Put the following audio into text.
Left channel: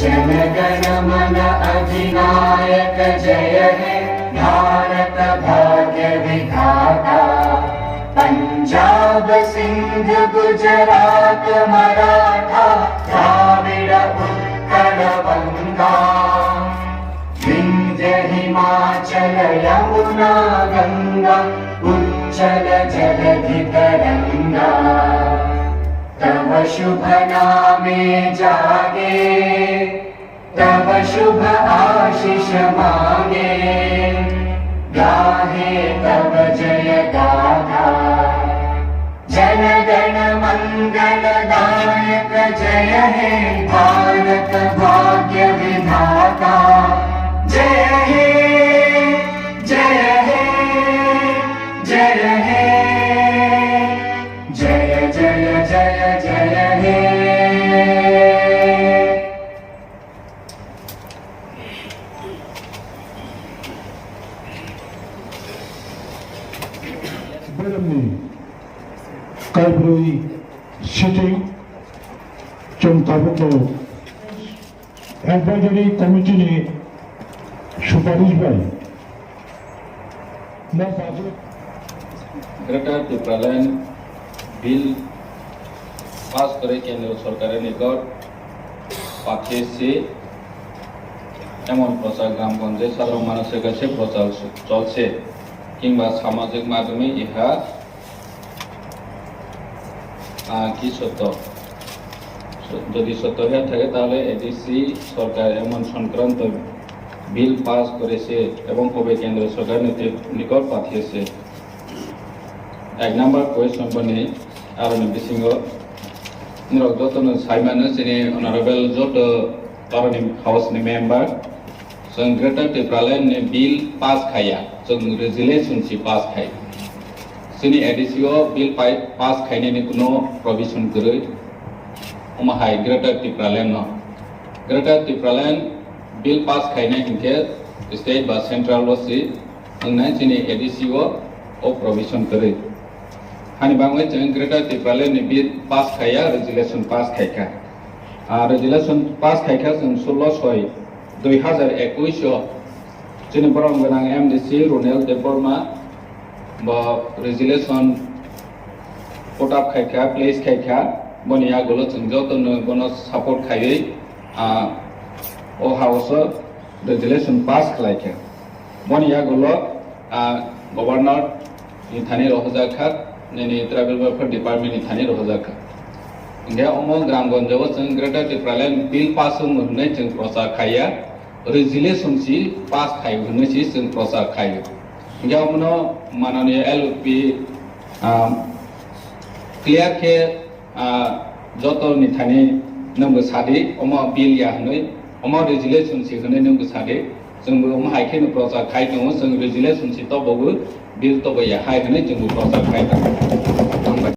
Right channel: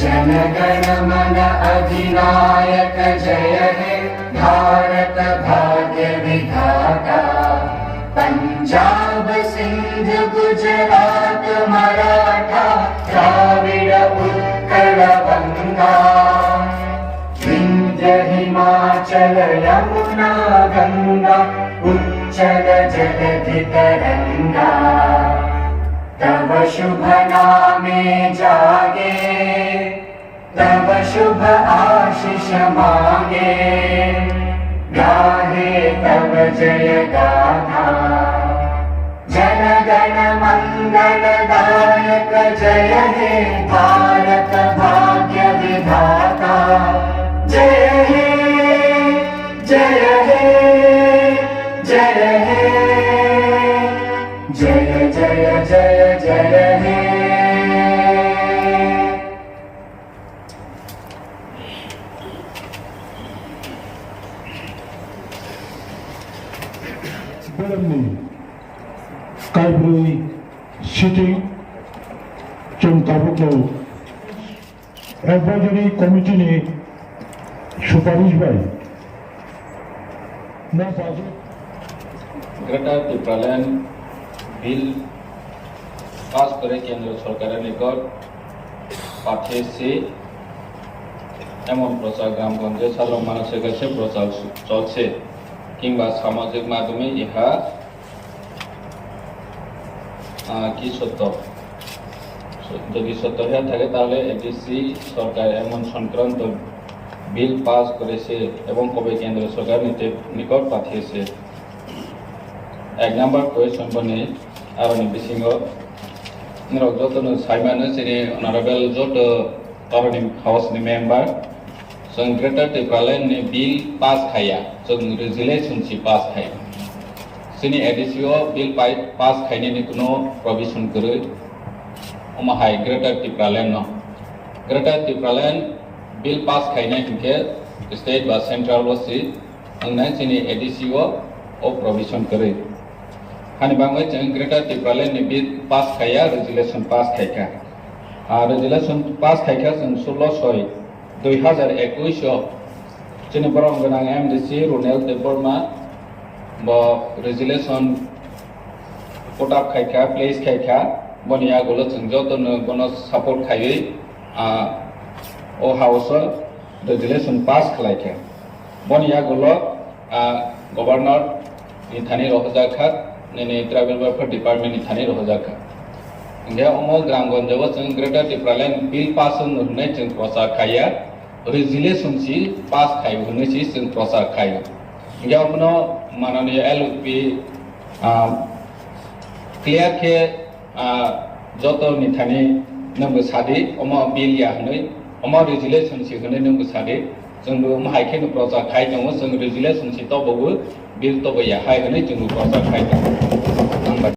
जनगण मन अधिनायक जय हे भारत भाग्य विधाता। पंजाब सिंध गुजरात मराठा द्राविड़ उत्कल बंगा। विंध्य हिमाचल यमुना गंगा उच्चल जलधि तरंगा। तव शुभ नामे जागे तव शुभ आशीष मांगे। गाहे तव जय गाथा जनगण मंगलदायक जय हे भारत भाग्य विधाता। जय हे जय हे जय हे जय जय जय जय हे। Beremni Kaibri City Chontabuklo Advisory Committee ने सुपारिश भाई ना बाजू ग्रेटर टिप्रालैंड बिल पास करे केंद्र सरकार निकट पाठे से एमन प्रचार ग्रामगंजे साधारण मानसের কাছে প্রচার চলছে কিংবা সামাজিক মাধ্যমে ইহা কি সত্য যদি সত্য হয়ে থাকে তাহলে এডিসি সরকার এমন সংক্রান্ত বিল পাস করেছে এবং কবে কেন্দ্র সরকার নিকট পাঠিয়েছে। এক নম্বর কোয়েশ্চন বনে আরনি বিসিঙ্গ নিরক যতন সাইমানো সিনি অনারেবল জট তরনি হাউসनि मेंबर जों ग्रेटर टिप्रालैंड बिल पास खाया जों रेजुलेशन सि पास खाय जोंनि एडिसिओ बिल पास खायनायनि कुनो प्रोविजन गरै अमाहाय ग्रेटर टिप्रालैंड न ग्रेटर टिप्रालैंड बिल पास खायनाय हिंखे स्टेट बा सेंट्रल वसि अंगनाय जोंनि एडिसिओ ओ प्रोविजन गरै हानि बांगै जों ग्रेटर टिप्रालैंड बिल पास खाया रेजुलेशन पास खायका रेजुलेशन पास खायका जों 16/6/2021 जोंनि बरं गोनां एमडिसि रुनेल देबबर्मा रेजुलेशन कोटाप खायका प्लेस खायका बनि आगोल जों जतनो गनो सपोर्ट खायै ओ हाउस रेजुलेशन पास खालायखा बनि आगोल गवर्नर नि थानि रहजाखा नेनि ट्राइबल वेलफेयर डिपार्टमेंट नि थानि रहजाखा इंगे अमो ग्रामगंजआव जों ग्रेटर टिप्रालैंड बिल पास होननै जों प्रचार खाया रेजुलेशन सि पास खाय होननै सि जों प्रचार खायो इंगे अमनो माननीय एलपी क्लियर के जत निथानि नंगो सादि अमो बिल या होननै अमो रेजुलेशन सि होननै नंगो सादि जोंबो माहायखे प्रचार खाय दङ जों रेजुलेशन सि तबबो बिल तबया हाय होननै जों प्रचार खाय दङ।